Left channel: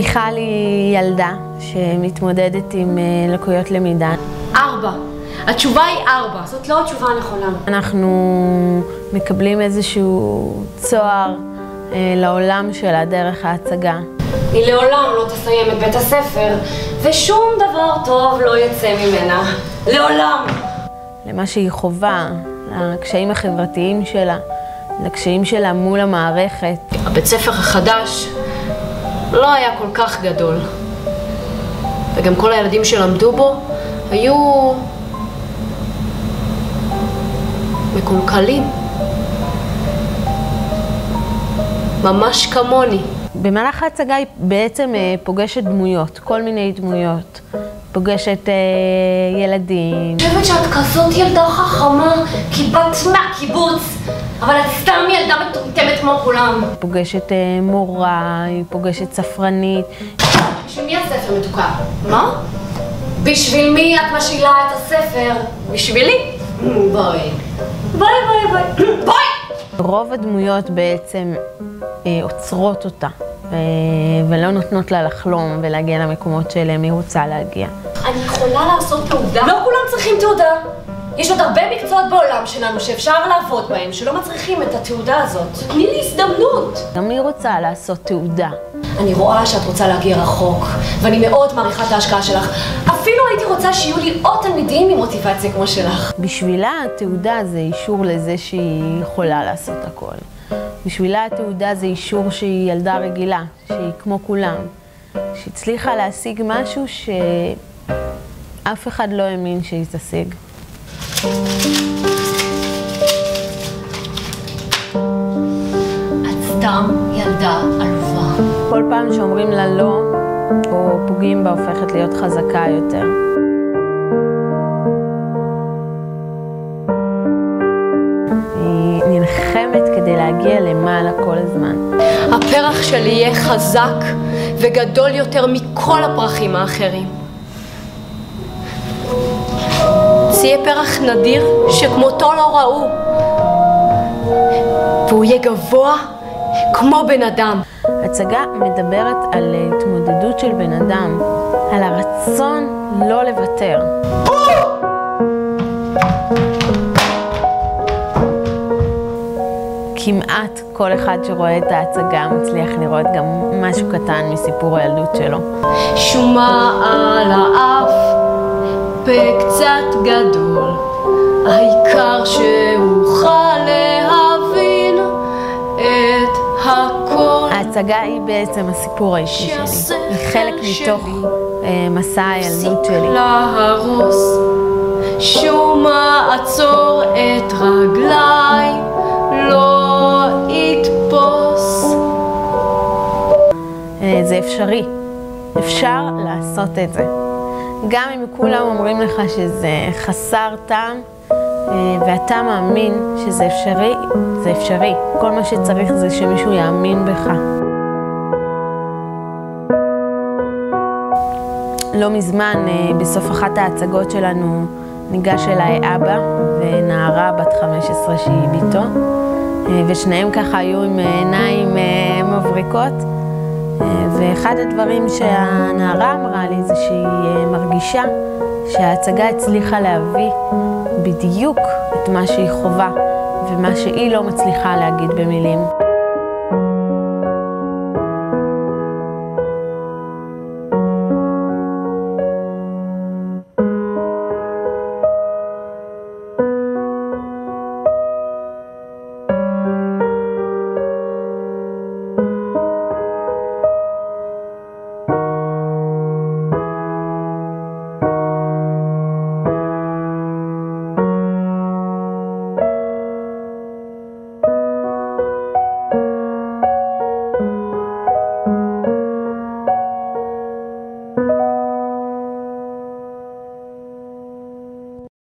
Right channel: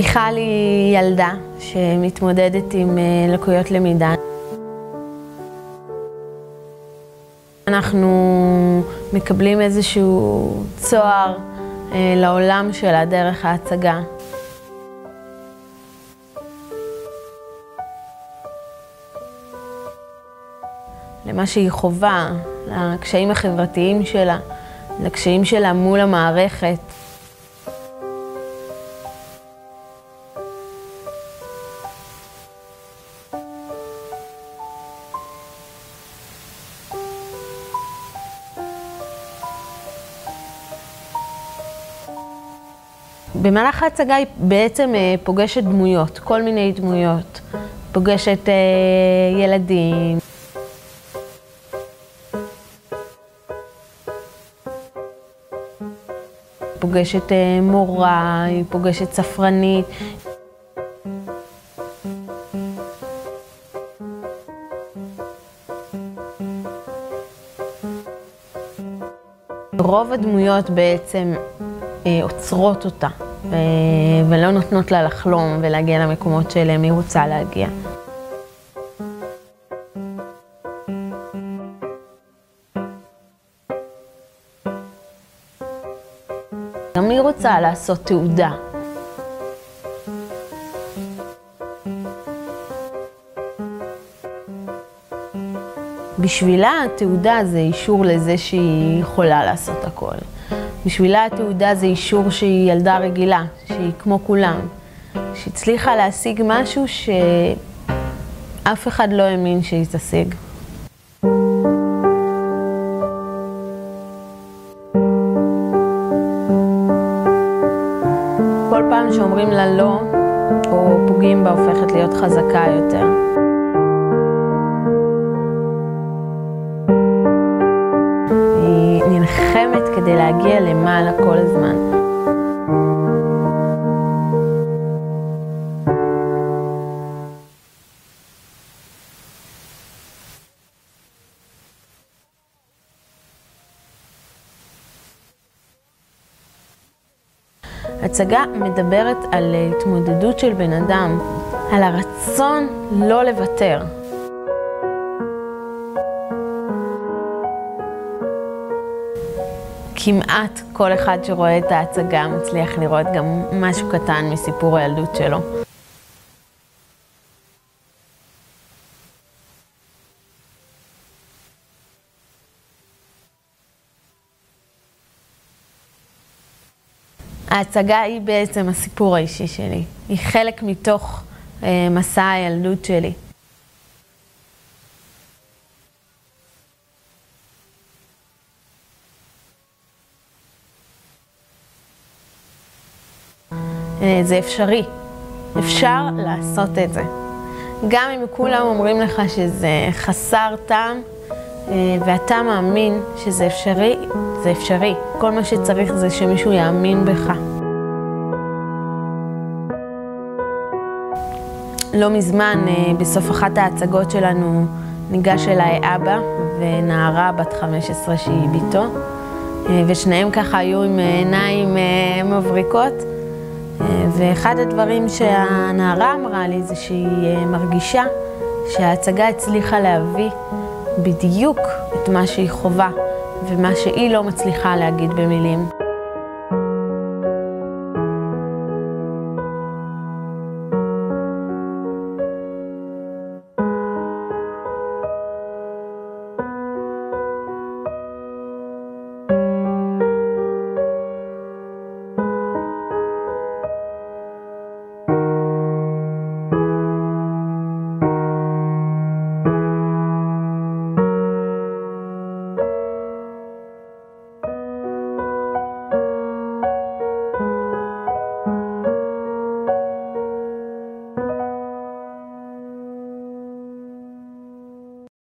מיכל היא ילדה שמתמודדת עם לקויות למידה. 4. התשובה היא 4. זאת לא התשובה הנכונה. אנחנו מקבלים איזשהו צוהר לעולם שלה דרך ההצגה. היא לעולם לא תסיים את בית הספר, ושום דבר טוב לא יצא ממנה. לעולם. למה שהיא חובה, לקשיים החברתיים שלה, לקשיים שלה מול המערכת. הבית ספר החדש לא היה כל כך גדול. וגם כל הילדים שלמדו בו היו מקולקלים. ממש כמוני. במהלך ההצגה היא בעצם פוגשת דמויות, כל מיני דמויות. פוגשת ילדים. אני חושבת שאת כזאת ילדה חכמה, כי באת מהקיבוץ, אבל את סתם ילדה מטומטמת כמו כולם. פוגשת מורה, היא פוגשת ספרנית. בשביל מי הספר מתוקה? מה? בשביל מי את משאילה את הספר? בשבילי? בואי. ביי ביי ביי. ביי! רוב הדמויות בעצם עוצרות אותה, ולא נותנות לה לחלום ולהגיע למקומות שאליהם היא רוצה להגיע. אני יכולה לעשות תעודה? לא כולם צריכים תעודה. יש עוד הרבה מקצועות בעולם שלנו שאפשר לעבוד בהם, שלא מצריכים את התעודה הזאת. תני לי הזדמנות. גם היא רוצה לעשות תעודה. אני רואה שאת רוצה להגיע רחוק, ואני מאוד מעריכה את ההשקעה שלך. אפילו הייתי רוצה שיהיו לי עוד תלמידים עם מוטיבציה כמו שלך. בשבילה התעודה זה אישור לזה שהיא יכולה לעשות הכל. בשבילה התעודה זה אישור שהיא ילדה רגילה, שהיא כמו כולם. שהצליחה להשיג משהו שאף אחד לא האמין שהיא תשיג. את סתם ילדה עלובה. כל פעם שאומרים לה לא, או פוגעים בה, הופכת להיות חזקה יותר. היא נלחמת כדי להגיע למעלה כל הזמן. הפרח שלי יהיה חזק וגדול יותר מכל הפרחים האחרים. זה יהיה פרח נדיר שכמותו לא ראו. והוא יהיה גבוה כמו בן אדם. הצגה מדברת על התמודדות של בן אדם, על הרצון לא לוותר. כמעט כל אחד שרואה את ההצגה מצליח לראות גם משהו קטן מסיפור הילדות שלו. שומה על האף, בקצת גדול, העיקר שאוכל להבין את הכל. ההצגה היא בעצם הסיפור האישי שלי. היא חלק מתוך מסע הילדות שלי. להרוס, שומה עצור את רגליי, לא יתפוס. זה אפשרי. אפשר לעשות את זה. גם אם כולם אומרים לך שזה חסר טעם, ואתה מאמין שזה אפשרי, זה אפשרי. כל מה שצריך זה שמישהו יאמין בך. לא מזמן, בסוף אחת ההצגות שלנו, ניגש אליי אבא ונערה בת 15 שהיא ביתו, ושניהם ככה היו עם עיניים מבריקות. ואחד הדברים שהנערה אמרה לי זה שהיא מרגישה שההצגה הצליחה להביא בדיוק את מה שהיא חובה ומה שהיא לא מצליחה להגיד במילים.